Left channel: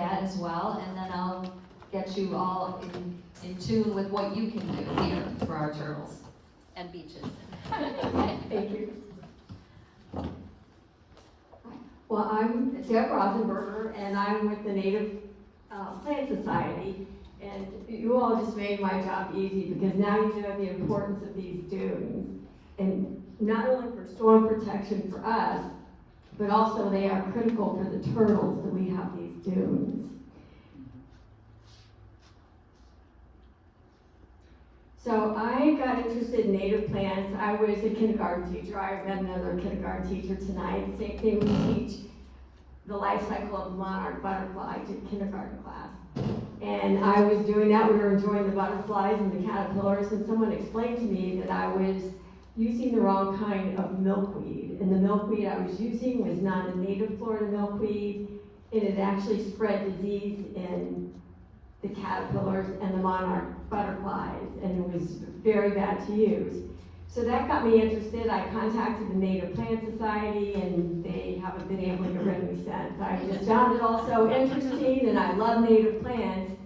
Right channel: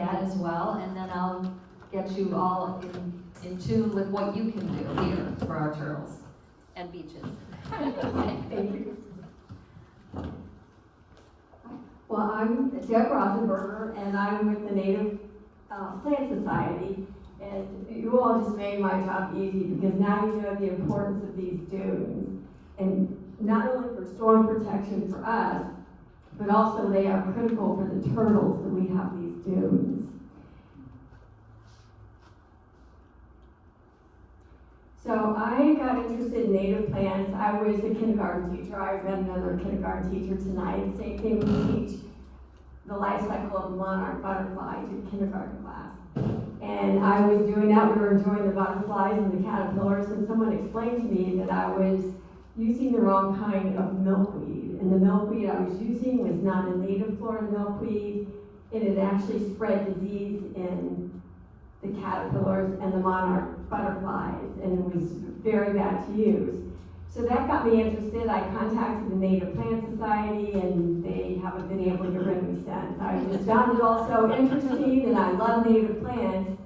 that as well, and then I'll get you all in tune with what you can do here for our turtles and beaches. Thank you. Well, I'm Deb Rothenberger, and I'm with the Native Plant Society. And you all just made my job easy because now you know the importance of these dunes. And not only for storm protection for us, but also they are critical for the turtles that we have these dunes. So I got interested in native plants. I was a kindergarten teacher. I've been another kindergarten teacher tonight. Same thing, we teach the life cycle of monarch butterflies in kindergarten class. And I was doing that. We were enjoying the butterflies and the caterpillars, and someone explained to me that I was using the wrong kind of milkweed. And the milkweed I was using was not a native Florida milkweed, and it actually spread disease in the caterpillars and the monarch butterflies, and it was very bad to use. So that got me interested. I contacted the Native Plant Society, and they haven't been able to get rid of me since. I just found it all so interesting, and I love native plants.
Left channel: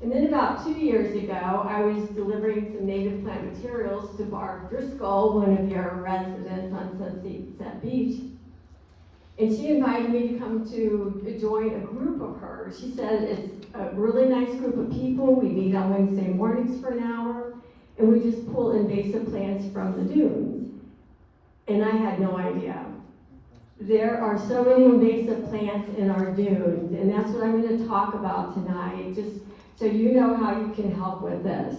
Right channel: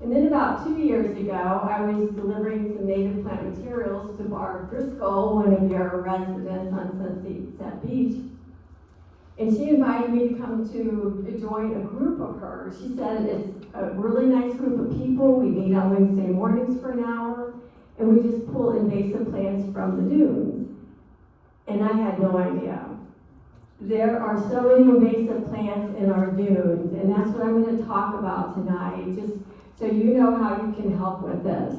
And then about 2 years ago, I was delivering some native plant materials to Barb Driscoll, one of your residents on Sunset Beach. And she invited me to come to join a group of hers. She said it's a really nice group of people. We meet on Wednesday mornings for an hour, and we just pull invasive plants from the dunes. And I had no idea. There are so many invasive plants in our dunes, and that's what I'm going to talk about tonight, just so you know how you can help with this.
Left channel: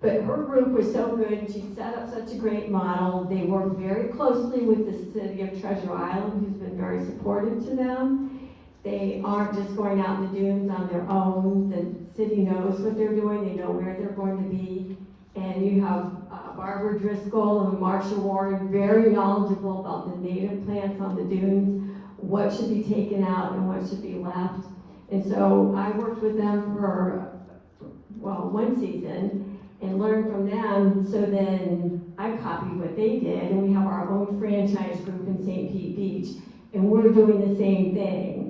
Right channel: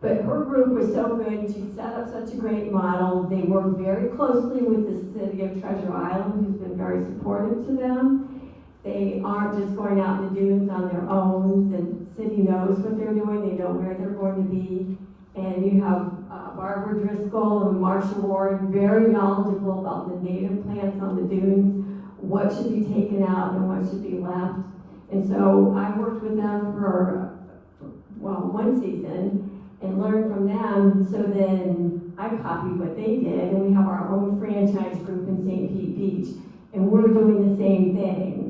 But her group was so good, and she set up such a great model. They work very closely with the city of Treasure Island, who's been very supportive to them. They aren't just going out in the dunes on their own. The city knows what they're doing. They know where they're going to be. And you have Barbara Driscoll and Marsha Ward, very knowledgeable about the native plants on the dunes, what should be taken out and what should be left. And so I worked with them for, one season, and learned from them. So then I copied what they did, and we have our own franchise group in St. Pete Beach, and we're doing the same thing.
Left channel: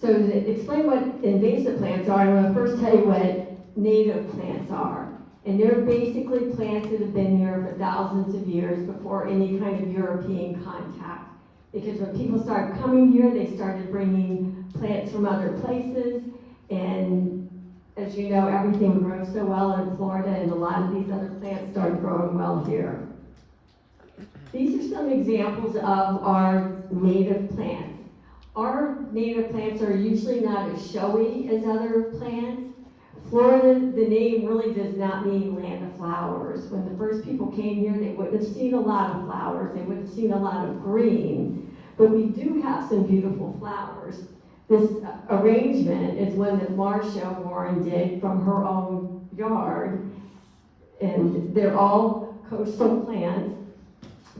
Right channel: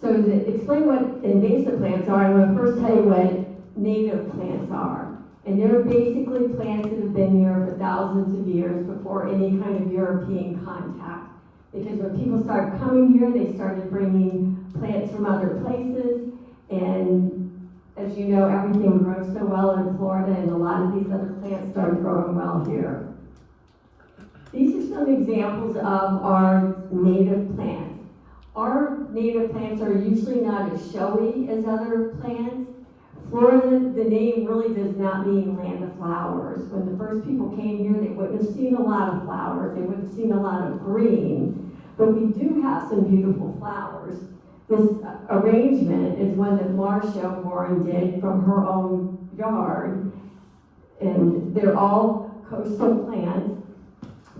So to explain what invasive plants are, I'm going to first tell you what native plants are. And they're basically plants that have been here for thousands of years before any kind of European contact. Because when people started coming here, they started bringing plants from other places. And as you know, everything grows so well in Florida, and a lot of these other plants started growing well here. These are some examples of our native plants. Our native plants are usually not as showy as other plants. Florida, the name really does not mean land of flowers. When the first people came here, they wouldn't have seen a lot of flowers. They wouldn't have seen a lot of green. But we do have some beautiful flowers. This arrangement is one that Marsha Warren did from her own yard. And they're all coastal plants.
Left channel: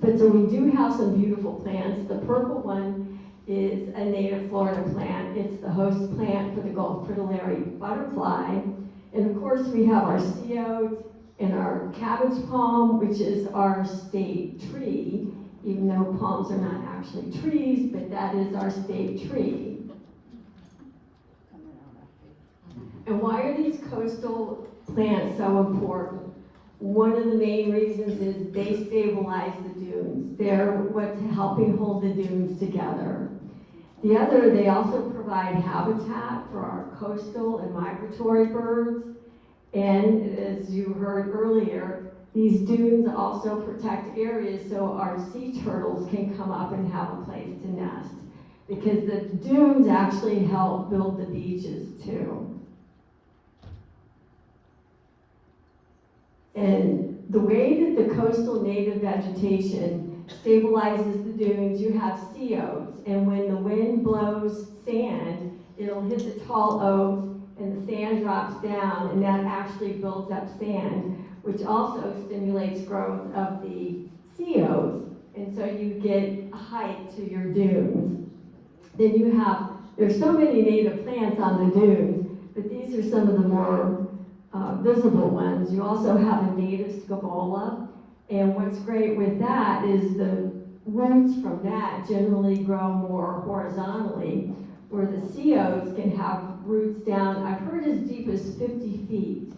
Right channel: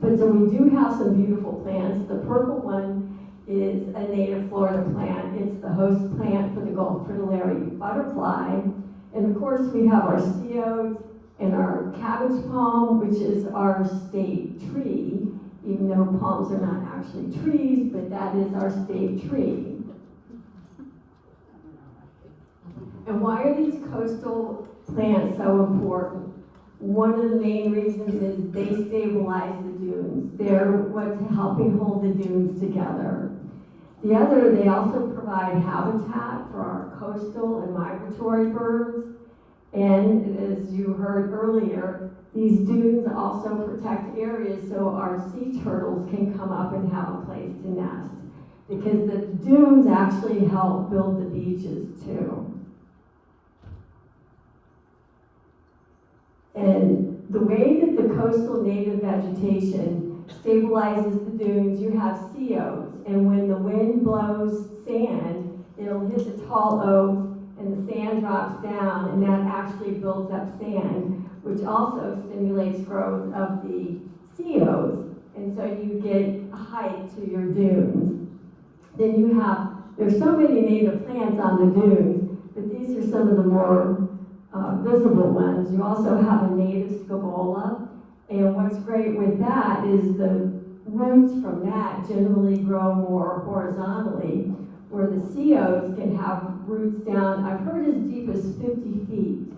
But so we do have some beautiful plants. The purple one is a native Florida plant. It's the host plant for the Gulf fritillary butterfly. And of course we have our seodes and our cabbage palm, which is our state tree, even though palms are not actually trees, but that is our state tree. And why are these coastal plants so important? One of the main reasons is they stabilize the dunes. They're what's helping hold the dunes together. The other, they also provide habitat for our coastal and migratory birds. And as you heard earlier, these dunes also protect areas so our sea turtles can come up and have a place to nest. Because the dunes actually help build the beaches too. And the way that the coastal native vegetation stabilizes the dunes, you have seodes, and when the wind blows sand, it'll hit the tall oaks, and the sand drops down, and that actually builds up sand, which also stimulates growth of the seodes, and so you get height to your dunes. Then you have, there's so many native plants on the dunes, but these are some of the more visible ones. You also have a native scabola, and what's great with that is the roots from that generally grow more horizontally, where the COs can have roots down, I've heard as deep as 50 feet.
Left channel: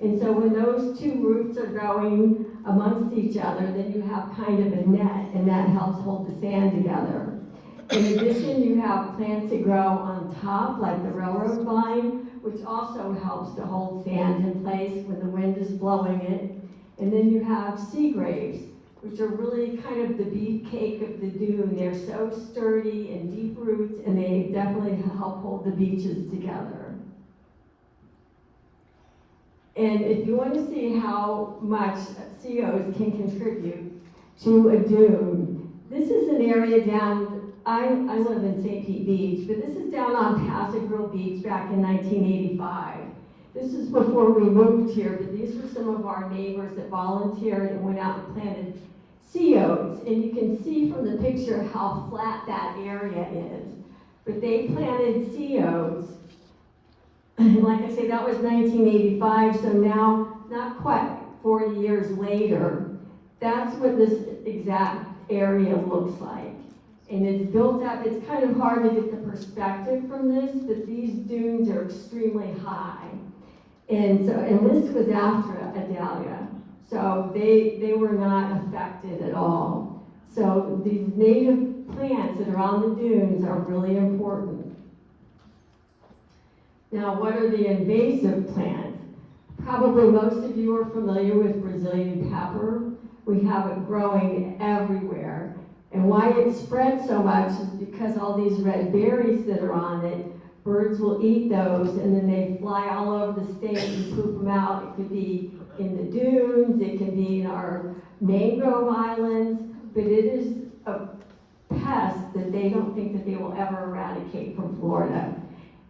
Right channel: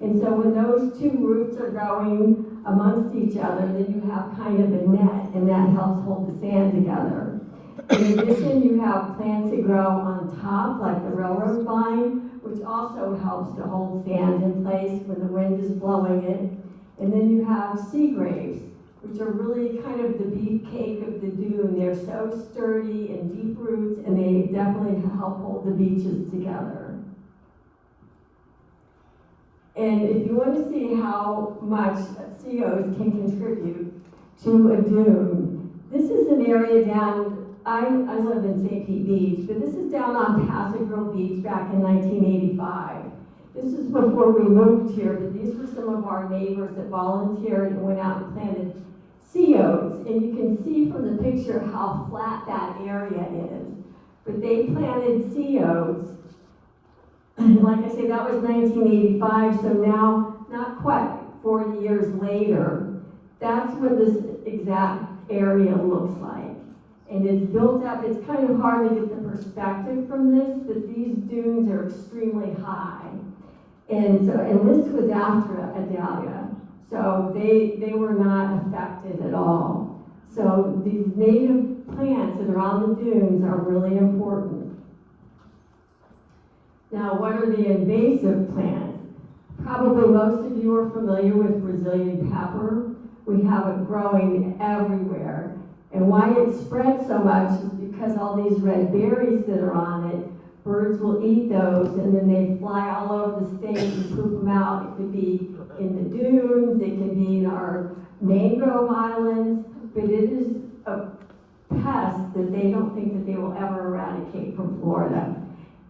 And so when those two roots are growing amongst each other, then you have kind of a net, and that helps hold the sand together. In addition, you have plants that grow on top, like the railroad vine, which also helps to hold sand in place when the wind is blowing it. And then you have sea graves, which are really kind of the beefcake of the dune. They're so sturdy and deep roots, and they definitely help hold the beaches together. And if you want to see how much COs can contribute to a dune, this is an area down, I live in St. Pete Beach, but this is down on Paso Grove Beach back in 1985. This is before we moved here, but these were some of our neighbors that volunteered and went out and planted COs. And you can see from the picture how flat that area is. But they planted COs. Like I say, that was 1985, so now, not quite 40 years later, that's what this exact area looks like. And it's built up, it's kind of hard to get the perspective from this, but these dunes are extremely high. And this was after Adalia, so they were not affected at all. So these native plants that are on the dunes are really important. Now, what are the invasive plants? Probably most of you are familiar with Brazilian pepper. We have it growing everywhere. And why it spreads so much is because all these red berries that are on it, birds will eat those, and then they fly all over the state and poop them out. It could be in the dunes, it can be in our mangrove islands, but it is a pest that they don't think that they will ever eradicate from Florida.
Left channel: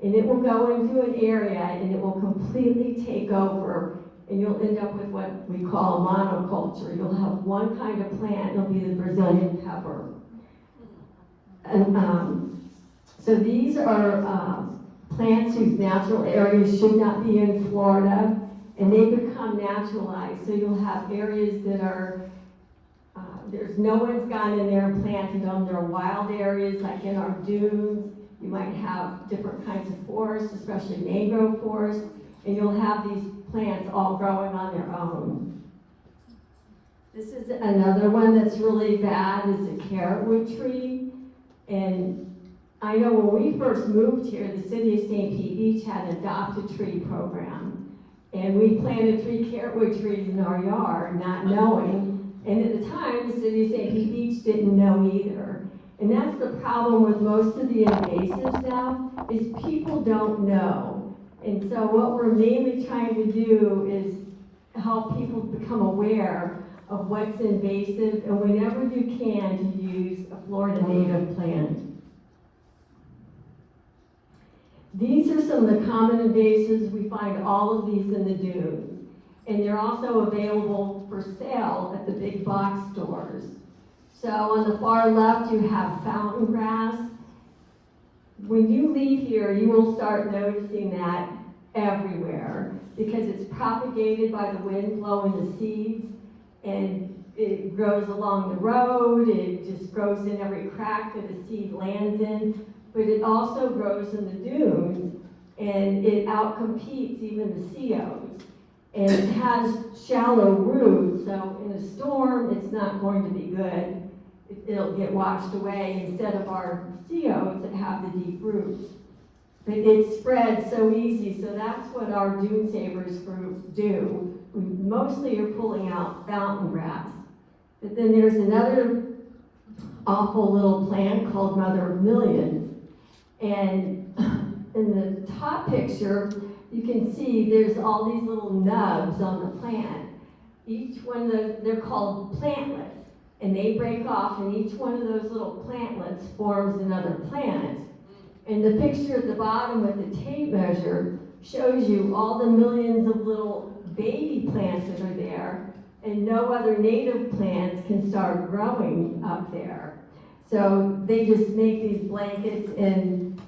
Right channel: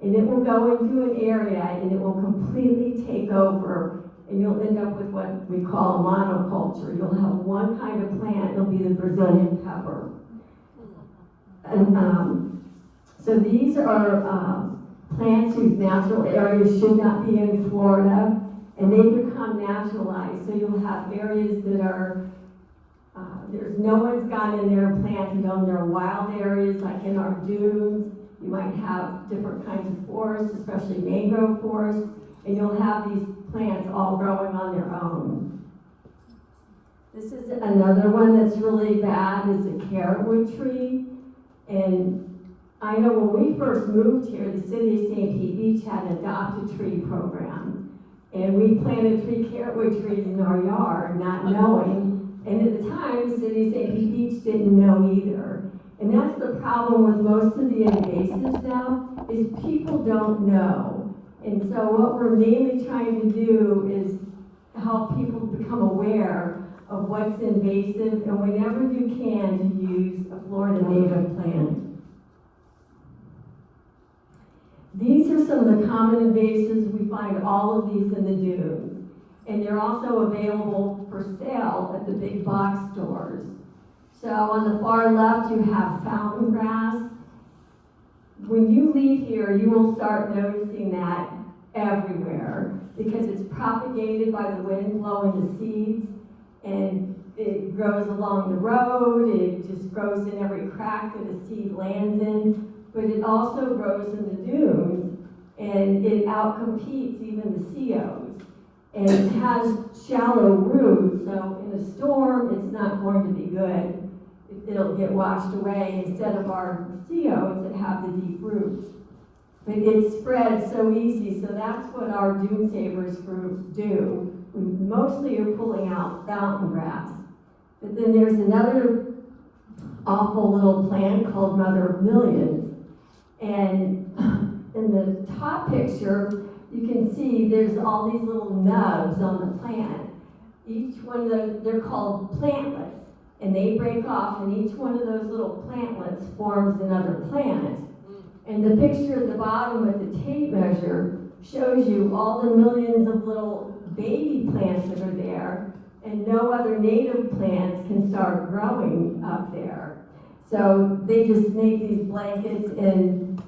And it will go into an area and it will completely take over, and you'll end up with what we call a monoculture. You'll have one kind of plant, it'll be the Brazilian pepper. And so these are plants whose natural areas should not be in Florida, and they become naturalized. So you'll have areas that are, there's no one's gone in there and planted them. There are wild areas, like in our dunes. You might have different kinds of forests, especially mangrove forests, and you'll have these plants all growing on their own. This is another one that's really bad, is a carrotwood tree. And I know when we first moved here, the city of St. Pete Beach had an adopt-a-tree program. And we planted 3 carrotwood trees in our yard, not knowing. And at the time, the city of St. Pete Beach didn't know either. And that's the problem with most of the invasives now, is people don't know. And so what we're mainly trying to do is help people become aware of what's invasive, and whenever you can, to use a Florida native plant. These are some of the common invasives. We find all of these in the dunes. And they're also available for sale at the big box stores. So on the far left, you have fountain grass. When you leave here, you will start noticing that everywhere, because it's propagated by the wind blowing the seeds, and it grows along the road. It just grows in every crack that a seed lands in, but it also grows in the dunes, and it outcompetes even the COs. And it has shallow roots, so in a storm, it's not going to be good. It'll get washed away instead of our COs that have the deep roots. But it spreads so easy, so that's what our Dune Savers group do. We mostly are pulling out fountain grass. But then there's another awful little plant called Mother of Millions. And in the top picture, you can see there's all these little nubs on the plant. Each one of those, they're called plantlets. And they break off, and each one of those little plantlets forms another plant. And the picture at the bottom with the tape measure shows you all the millions of little baby plants that are there, and no other native plants can start growing up there. So they just make these blankets, and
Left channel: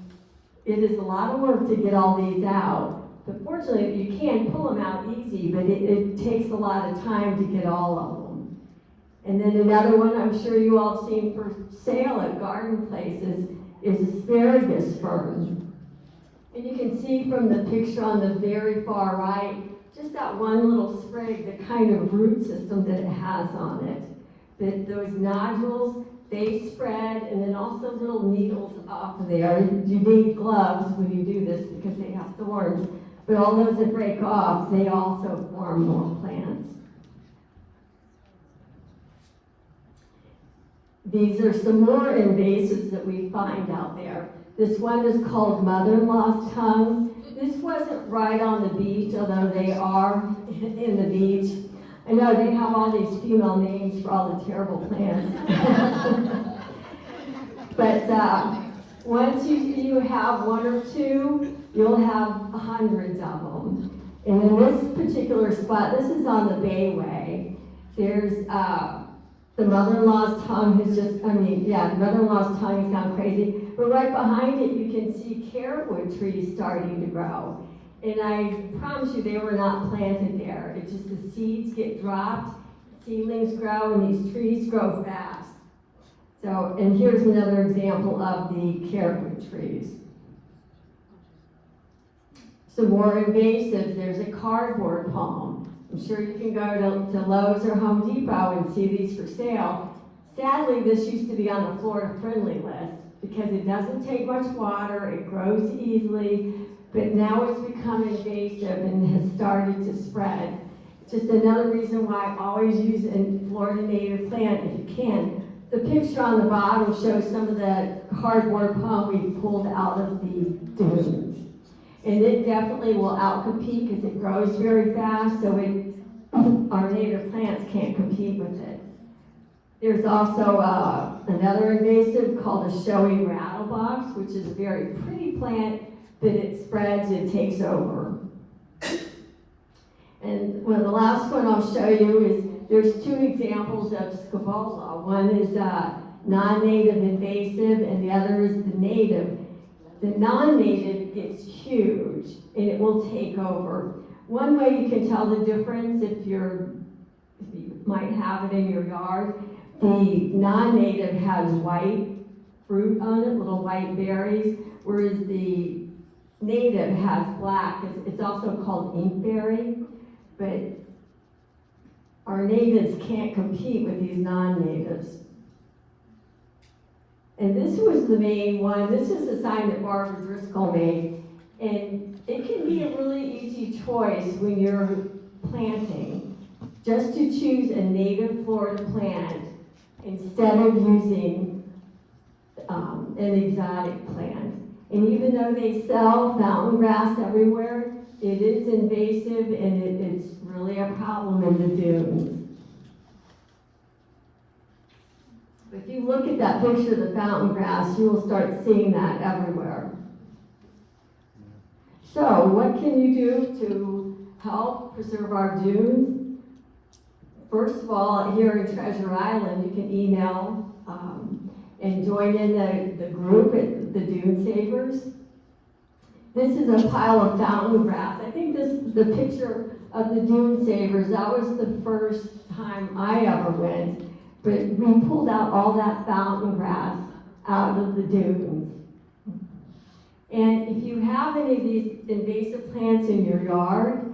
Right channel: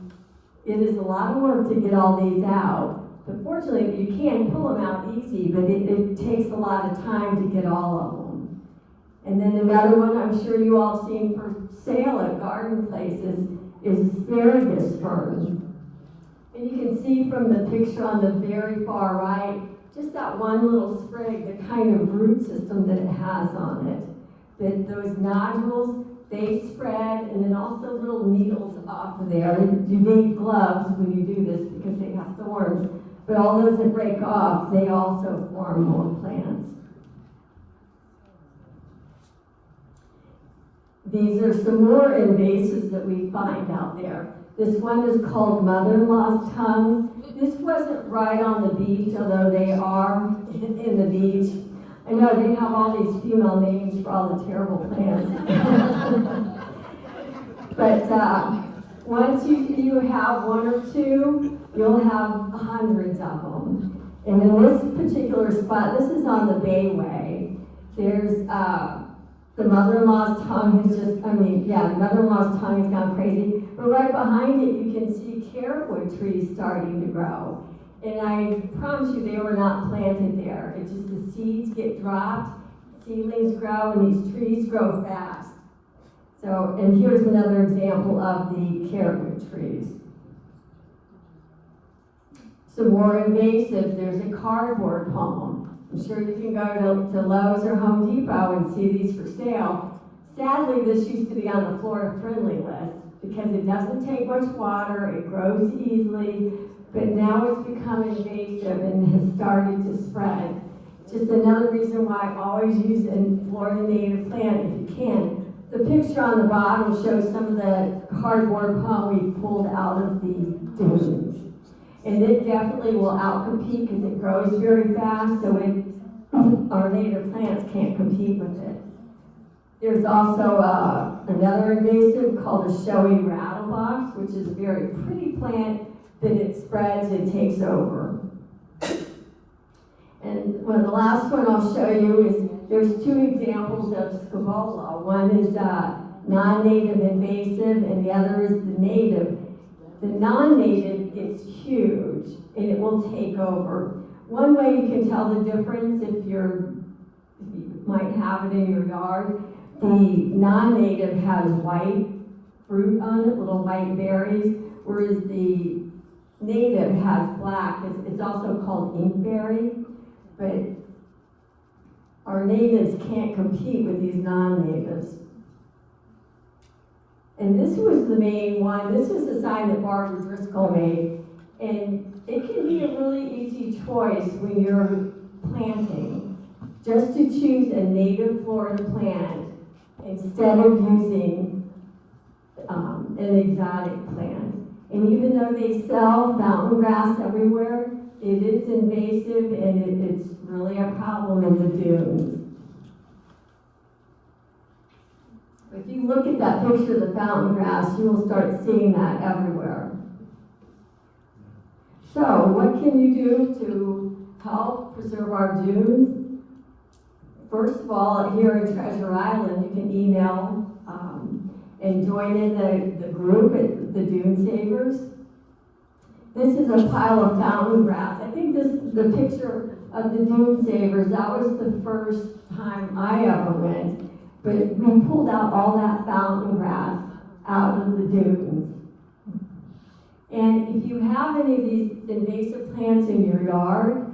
it is a lot of work to get all these out. But fortunately, you can pull them out easy, but it takes a lot of time to get all of them. And then another one I'm sure you all seen for sale at garden places is asparagus fern. And you can see from the picture on the very far right, just that one little sprig, the kind of root system that it has on it. That those nodules, they spread, and then also little needles off of there. You need gloves when you do this because they have thorns. But all those that break off, they also form more plants. These are some more invasives that we find out there. This one is called mother-in-law's tongue. This wasn't right on the beach, although they are in the beach. I know they have all these female names for all the terrible plants. But once you have one or two, you'll have hundreds of them. And in this particular spot, this is on the Bayway, there's the mother-in-law's tongue is just, the mother-in-law's tongue is gone crazy. But right behind it, you can see carrotwood trees starting to grow. And I promise you, they were not planted there. It's just the seeds get dropped, seedlings grow, and these trees grow fast. So, and here's another example of the carrotwood trees. Some more invasive, there's a cardboard palm. I'm sure you can go to Lowe's or Home Depot and see these for sale. Sadly, this used to be on the Florida Friendly list because it doesn't take much water, it grows easily, but now it's become invasive and has started to spread. Just another reason why I always use a Florida native plant if you can. The picture on the bottom shows some of the cardboard palm we pulled out of the dunes. And it definitely will outcompete because it grows very fast, so our native plants can't compete with it. There's also another invasive called the showy rattlebox, which is a very pretty plant, but it spreads, it takes over. And the last one I'll show you is, there's two examples of scabola. One is non-native invasive, and the other is the native. The non-native, it's huge, and it will take over. One way you can tell the difference if you might have it in your yard, the non-native has white fruit on it, little white berries, whereas the native has black. It's also called inkberry, but our natives can't compete with these non-natives. And this was the main one. This is the sign that Barbara Driscoll made. And it can be a really easy choice when you're planting, just to choose a native Florida plant instead of using an exotic plant. And even though they sell fountain grass everywhere, it is invasive and it's really a problem in the dunes. If you look at that picture of the fountain grass, you will start seeing that everywhere. So, what can you do to help preserve our dunes? First of all, here in Treasure Island, you can email and join in the group at the Dune Savers. This is a pile of fountain grass. I think this is the picture of the Dune Savers. That was the first time I ever went. But we pulled out all that fountain grass out of the dunes. And if you have any of these invasive plants in your yard,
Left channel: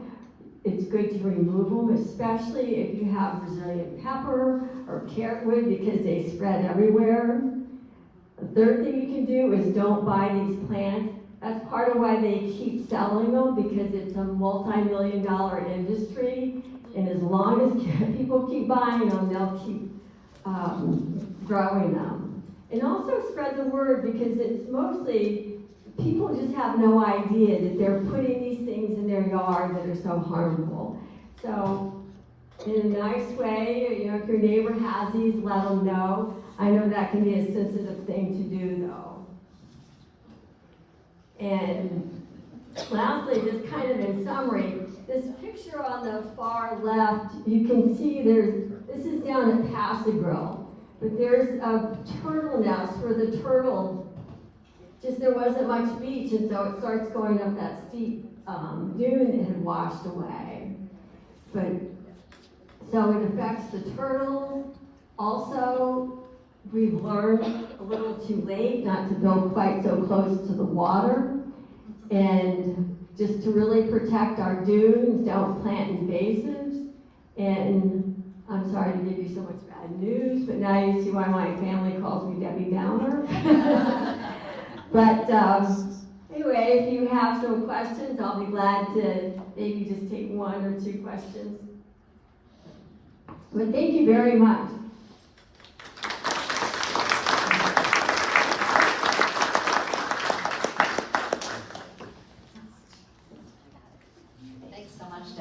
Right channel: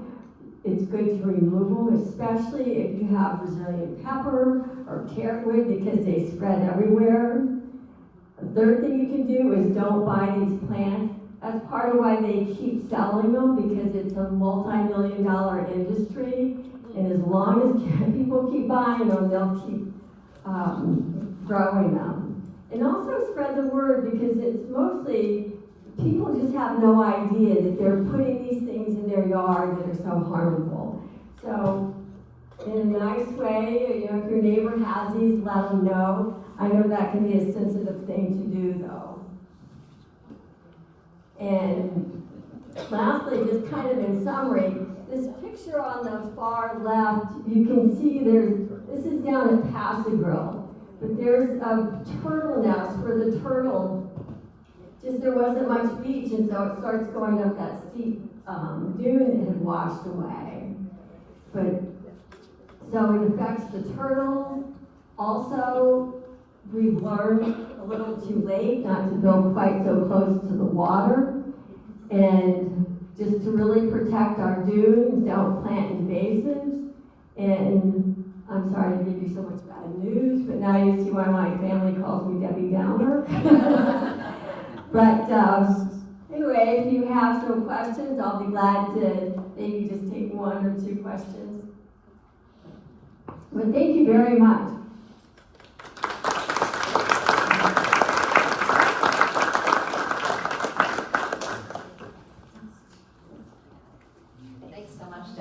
it's good to remove them, especially if you have Brazilian pepper or carrotwood because they spread everywhere. The third thing you can do is don't buy these plants. That's part of why they keep selling them, because it's a multi-million-dollar industry. And as long as people keep buying them, they'll keep growing them. And also spread the word, because it's mostly, people just have no idea that they're putting these things in their yard that are so harmful. So, in a nice way, if your neighbor has these, let them know. I know that can be a sensitive thing to do, though. And lastly, just kind of in summary, this picture on the far left, you can see this is down at Passigrill, but there's a turtle nest where the turtle, there wasn't much beach, and so it starts going up that steep dune that had washed away. But so it affects the turtles, Also, we've learned a little too late not to build quite so close to the water, and just to really protect our dunes, don't plant invasives. And I'm sorry to give you so much bad news, but now you see why my family calls me Debbie Downer. But anyway, if you have some questions, I'll be glad to maybe just take one or two questions. But thank you very much.